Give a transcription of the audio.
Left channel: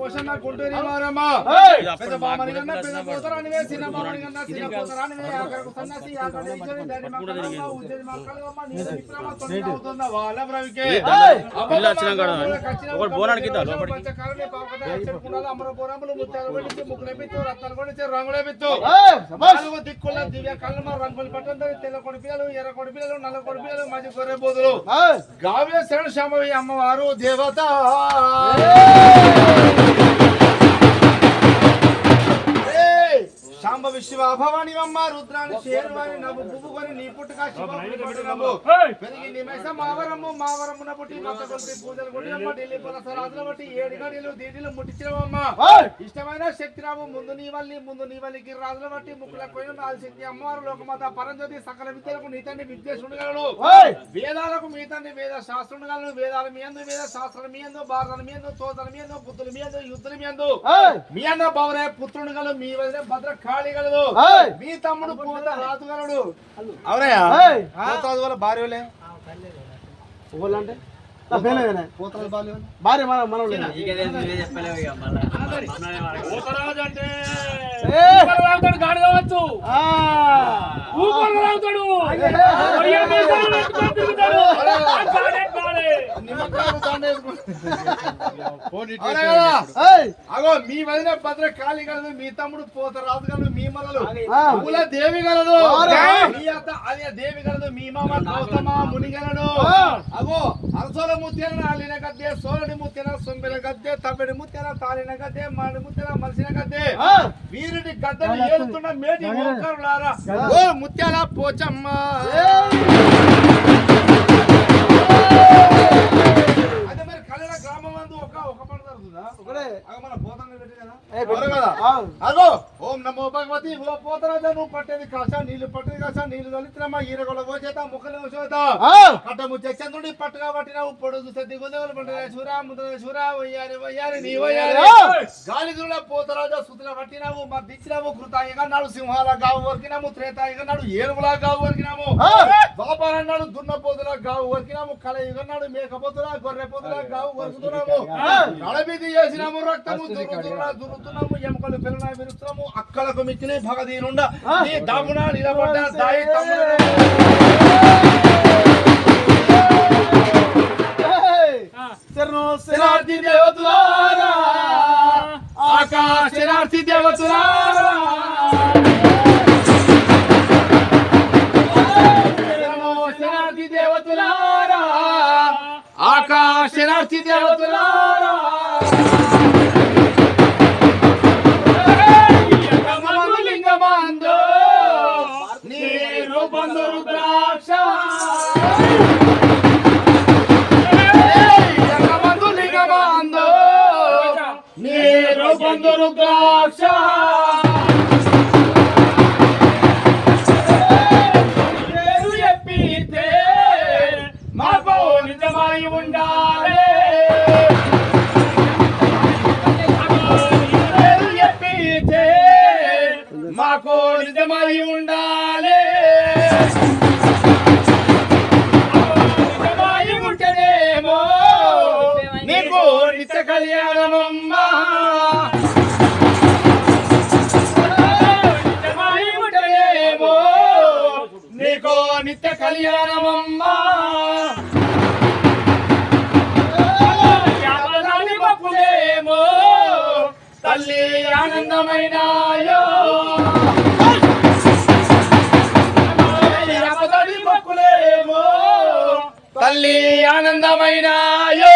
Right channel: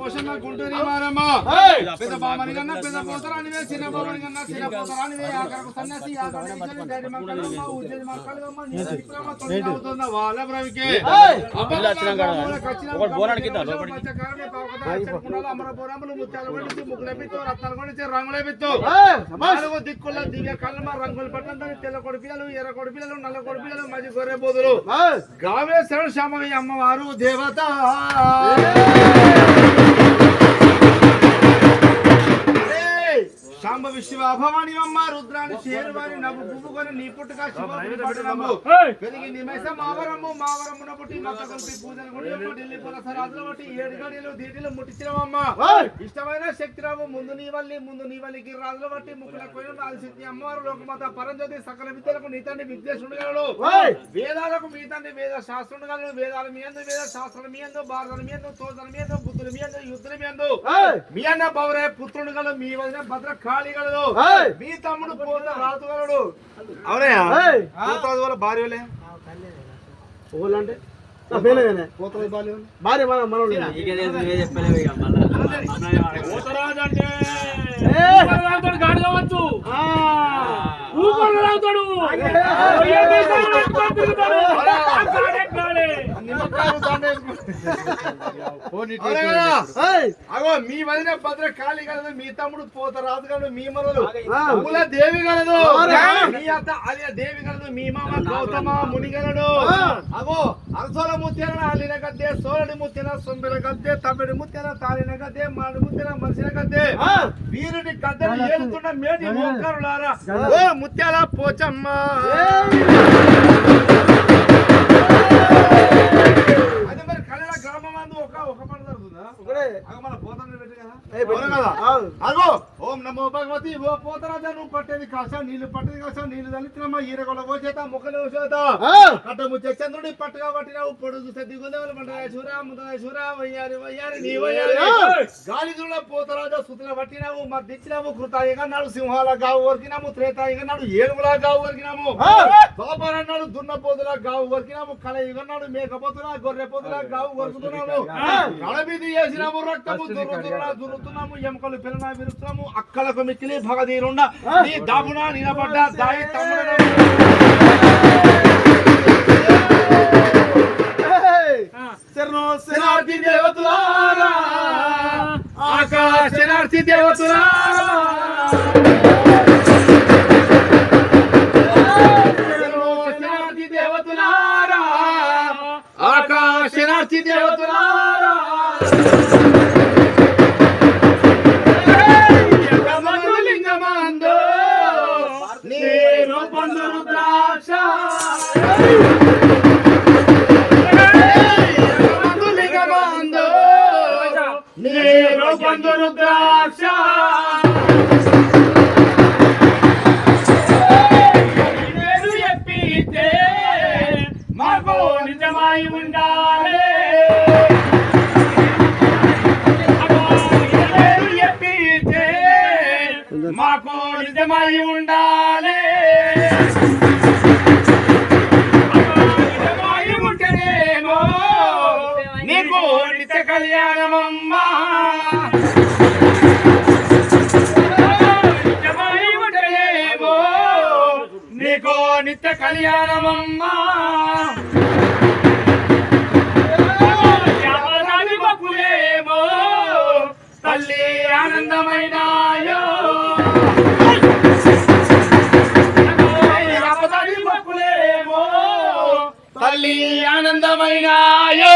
పోషణ గుంటూరి మారమ్మ పెద్ద బామని కన్నా పెద్ద పోతరాని వే చిన్న బామని కన్నా చిన్న పోతరాని వే ఆకరకు సన్నసి ఆకరేశ్వరి దాడి మక్కలమ్మ ఉజ్జయి మక్కలమ్మ నీ విక్రమ తొండ అవుతున్న వాళ్ళ బ్రవికే అబ్బల ఒకడు బోనానికి కింద లోపడికి పంచకారనే పావకద చెప్పుకున్నాల అమరపురములు ముత్యాలు కొడిచి ముకులెపితో రత్నాలు కొడిచి రంగులెపితో నాలుగు దిక్కుల దివ్య కళ్ళమ రంగులు పట్టందని తెల్ల కొడిపిల్లలు ఎర్ర కొడిపిల్లలు నల్ల కొడిపిల్లలు మధ్య గొర్రె బోదులు గావే శరణ శాంభవి అమ్మవారు దేవత శాంభవి శివ భవాని అమ్మ రుద్రాని శేరువాని నవ్వు బుబ్బుకొని నీ పుట్టుక పెరిగి నిమేష మావరమున పుట్టి నొక్కటి పూజలు కొట్టినమ్మ ఢిల్లీ పురసరాజుల బట్టి 7 గడియలు దీటిలు ముట్టించినవమ్మ ఇష్టమైన శక్తిరావు ముందు నీ వల్లికి రాజుల బట్టి ముక్కుల కోయిన ఆదిశక్తి అమ్మవారు లోకమాత పరంజ్యోతి సకల విద్యలకు నీ తండ్రి విద్యేశుడుగలడు వేదాలకు మీ తండ్రి వేద శాస్త్రుడుగలడు వేదాల మీ అందు వేద శాస్త్రాల మీ అందు భారతాల మీ అందు తోతల మీ అందు బుద్ధుల మీ అందు యుద్ధుల మీ అందు మీ అన్న పౌరే పుత్రుడుగలడు మీ వదిన భద్ర కాళీగలడు మీ తమ్ముడు పోత రాజుగలడు అవునయ్యా పోతాదు వాళ్ళ భార్య వాళ్ళే ఓళ్ళంటే భార్య మనోడు గాడి కావచ్చు మీ వదిన భద్ర కాళీ కలదు మీ తమ్ముడు పోత రాజు కలదు మీ మొదలు దేవి కలదు మీ అత్త అలియ దేవి కలదు మీ మామ గౌతమ ముని గలడు అగో అరసోల ముత్యాల అలిన గద్దె సోలడి ముత్యాల సొంబెల గద్దె తమ్మిడి ముత్యాల తాలిన గద్దె మాడి ముత్యాల మనిషిన గద్దె వీరుడి గద్దెను ఏలుతున్న మేటి ఓంకారులారా ఓ ముత్యాల పోచమ్మ అదే మరి కన్నడ గ్రామం అందు ఒక పంట జరుగుతుందా ఒకడే మన పోతన పెట్టి కదా అగో ఓం నమో భగవతి ఓ పోతరాజ నువ్వు పట్టేది కాసా నీళ్లు పట్టేది కాసా నీళ్లు తల్లిత్రమ్మ ఈరగొల పోచేత ముక్కలు చేత కట్ట ముచ్చే చంద్రుడి పట్టుగా పట్టినావు పొడుగు సద్ది గొందెవలు పంటగా శూరా ముదయ శూరా వయ్యారి నీ వయ్యారి గాలిదుల పోతరాజ సుతుల పట్టినావు మరి దిచ్చినావు కృతాయిగా నాడు సింహాల గావు వరికినాము త్రేతాయిగా నాడు ఏనుగుల గావు వరికినాము బాబారన్నాడు దున్నపోతుల గావు వరికినాము కలయిగన్నాడు మేకపోతుల గొర్రె పోతుల గావు వరుకుతున్నాము కళబీది చేసినాము రక్తము దురుతున్నాము ఎముకలు పెరునా విరుస్తున్నాము అక్కలకు మిక్కిలి భగదీరుండ నీ దాపున నిలబడ్డ దాయి శరణార్థి దేవతలారా ఆకాశ శరణార్థి దేవతలారా శరణార్థి దేవతలారా ఆకాశ శరణార్థి దేవతలారా లింగమందో నేను బంధు రుద్రాక్ష బంధు రుద్రాక్ష పేరు చెప్పితే మాకు నిజమై ఉండాలి పేరు చెప్పితే మాకు నిజమై ఉండాలి నిజమై ఉంటేనేమో నీకు నిత్య కళ్యాణమమ్మా నీకో నిత్య కళ్యాణమమ్మా భక్తులేమో తల్లి ఆనందమైనాయో భక్తులేమో తల్లి ఆనందమైనాయో